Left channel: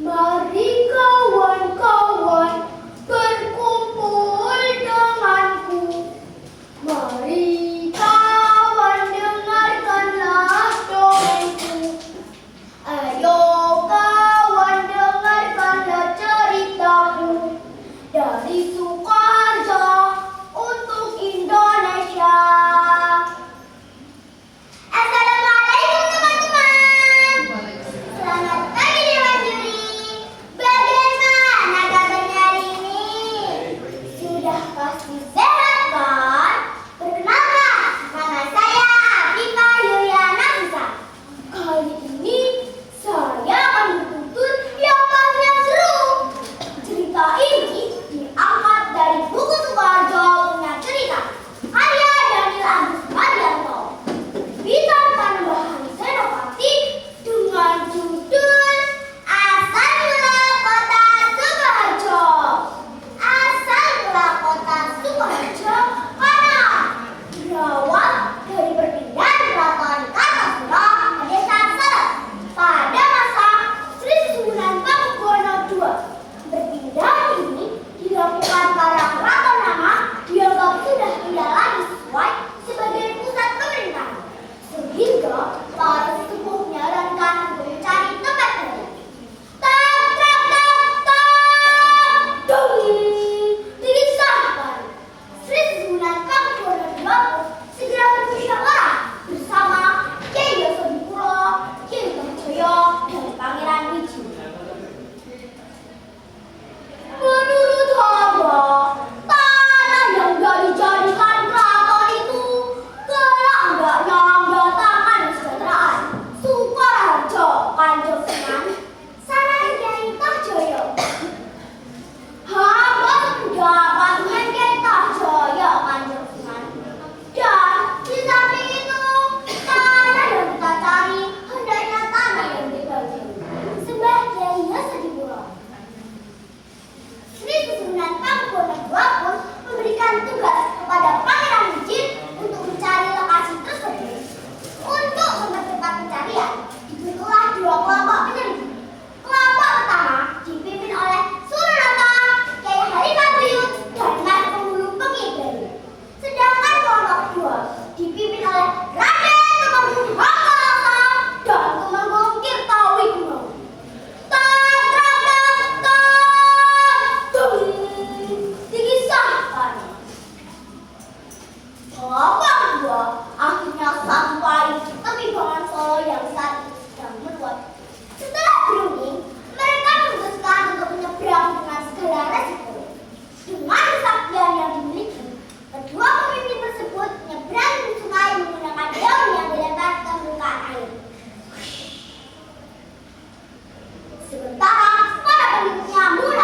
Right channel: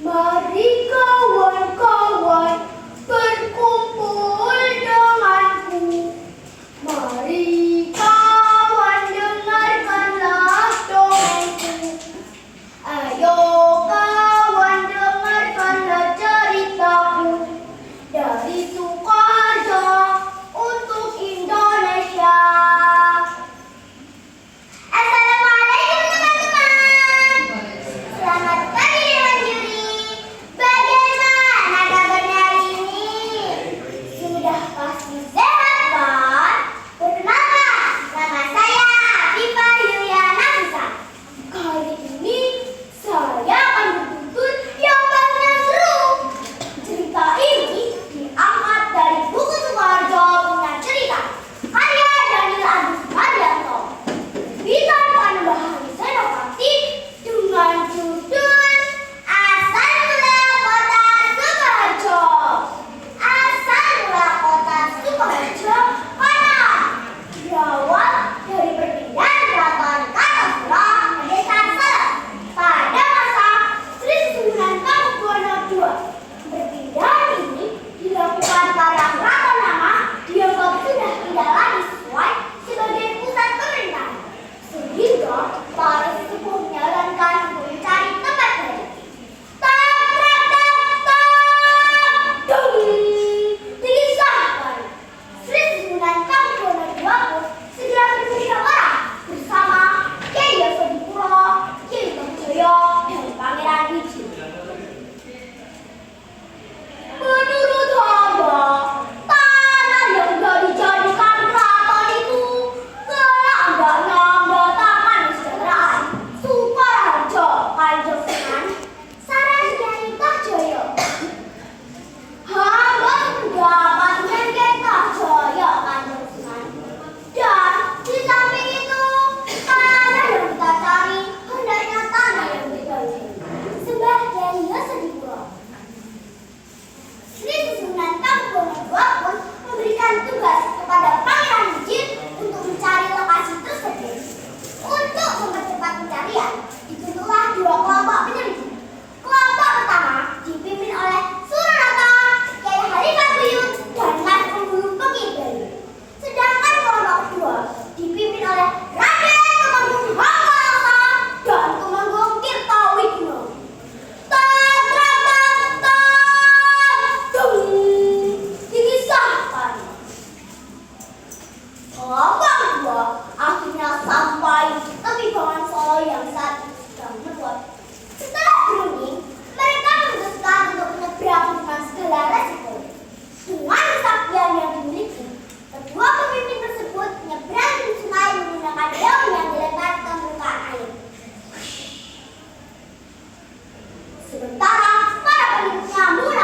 Mari kawan-kawan berkumpul denganku. Mari kawan dengarkanlah dongengku. Ayo kawan dengarkanlah ceritaku. Dari Sukoharjo untuk Indonesia. Assalamualaikum teman-teman. Selamat pagi Dewan Juri. Bagaimana kabarnya hari ini? Sudah pasti sehat kan? Perkenalkan, nama saya Afifah Yuliana Nafisa. Kali ini saya akan menuntut yang paling seru. Cerita ini diangkat dari buku Sukoharjo punya cerita karya Daniel Agus Mardianto. Bisa Panembahan Senopati dengan judul Asal Mula Kota Sukoharjo. Asal mula kota Sukoharjo mana? Berawal dari perpindahan keraton Kartosuro ke desa Salem pada masa Sri Susunan Pakubuwono II. Perpindahan ini dilakukan para keraton lama dianggap sudah tidak lagi sesuai sebagai pusat pemerintahan, sehingga para sesepuh menyarankan untuk mencari tempat baru. Tak, tak, tak, tak, dong, disahkan. Sri Susunan Pakubuwono II pun segera bermusyawarah bersama Kyai Yasodipuro, Kyai Brawijaya, dan Pangeran Wiji. Menurut Hamba, tanah yang sudah dijadikan keraton itu kelak hendaknya mendatangkan kesejahteraan. Sukoharjo, Kanjeng Sunan, saran Kyai Tohjoyo. Hamba sependapat dengan Kyai Tohjoyo, Kanjeng Sunan. Dan di samping itu, tanah yang kita cari hendaknya tanah yang dibagi. Sembah Kyai Yasodipuro. Sri Susunan Pakubuwono II pun memberikan tugas kepada Pangeran Wiji untuk mencari lokasi tersebut. Untuk mempercepat pencarian, dibentuklah dua kelompok penyelidik. Kelompok pertama dipimpin oleh Suranata, Kyai Halifah dan Mas Penghulu Pengibayu. Sedangkan kelompok kedua dipimpin oleh Raden Temenggung Hanggareksa dan Temenggung Tirtowikuno. Disahkan. Kelompok kedua akhirnya sampai di tepi bangun Solo yang saat itu sedang meluap. Setelah berunding, mereka memutuskan untuk menyeberang dengan segala resiko. Dengan kesaktian yang dimiliki, kedua pemimpin tersebut menyeberang di sungai menggunakan daun yang dilempar ke permukaan air. Sementara para penduduknya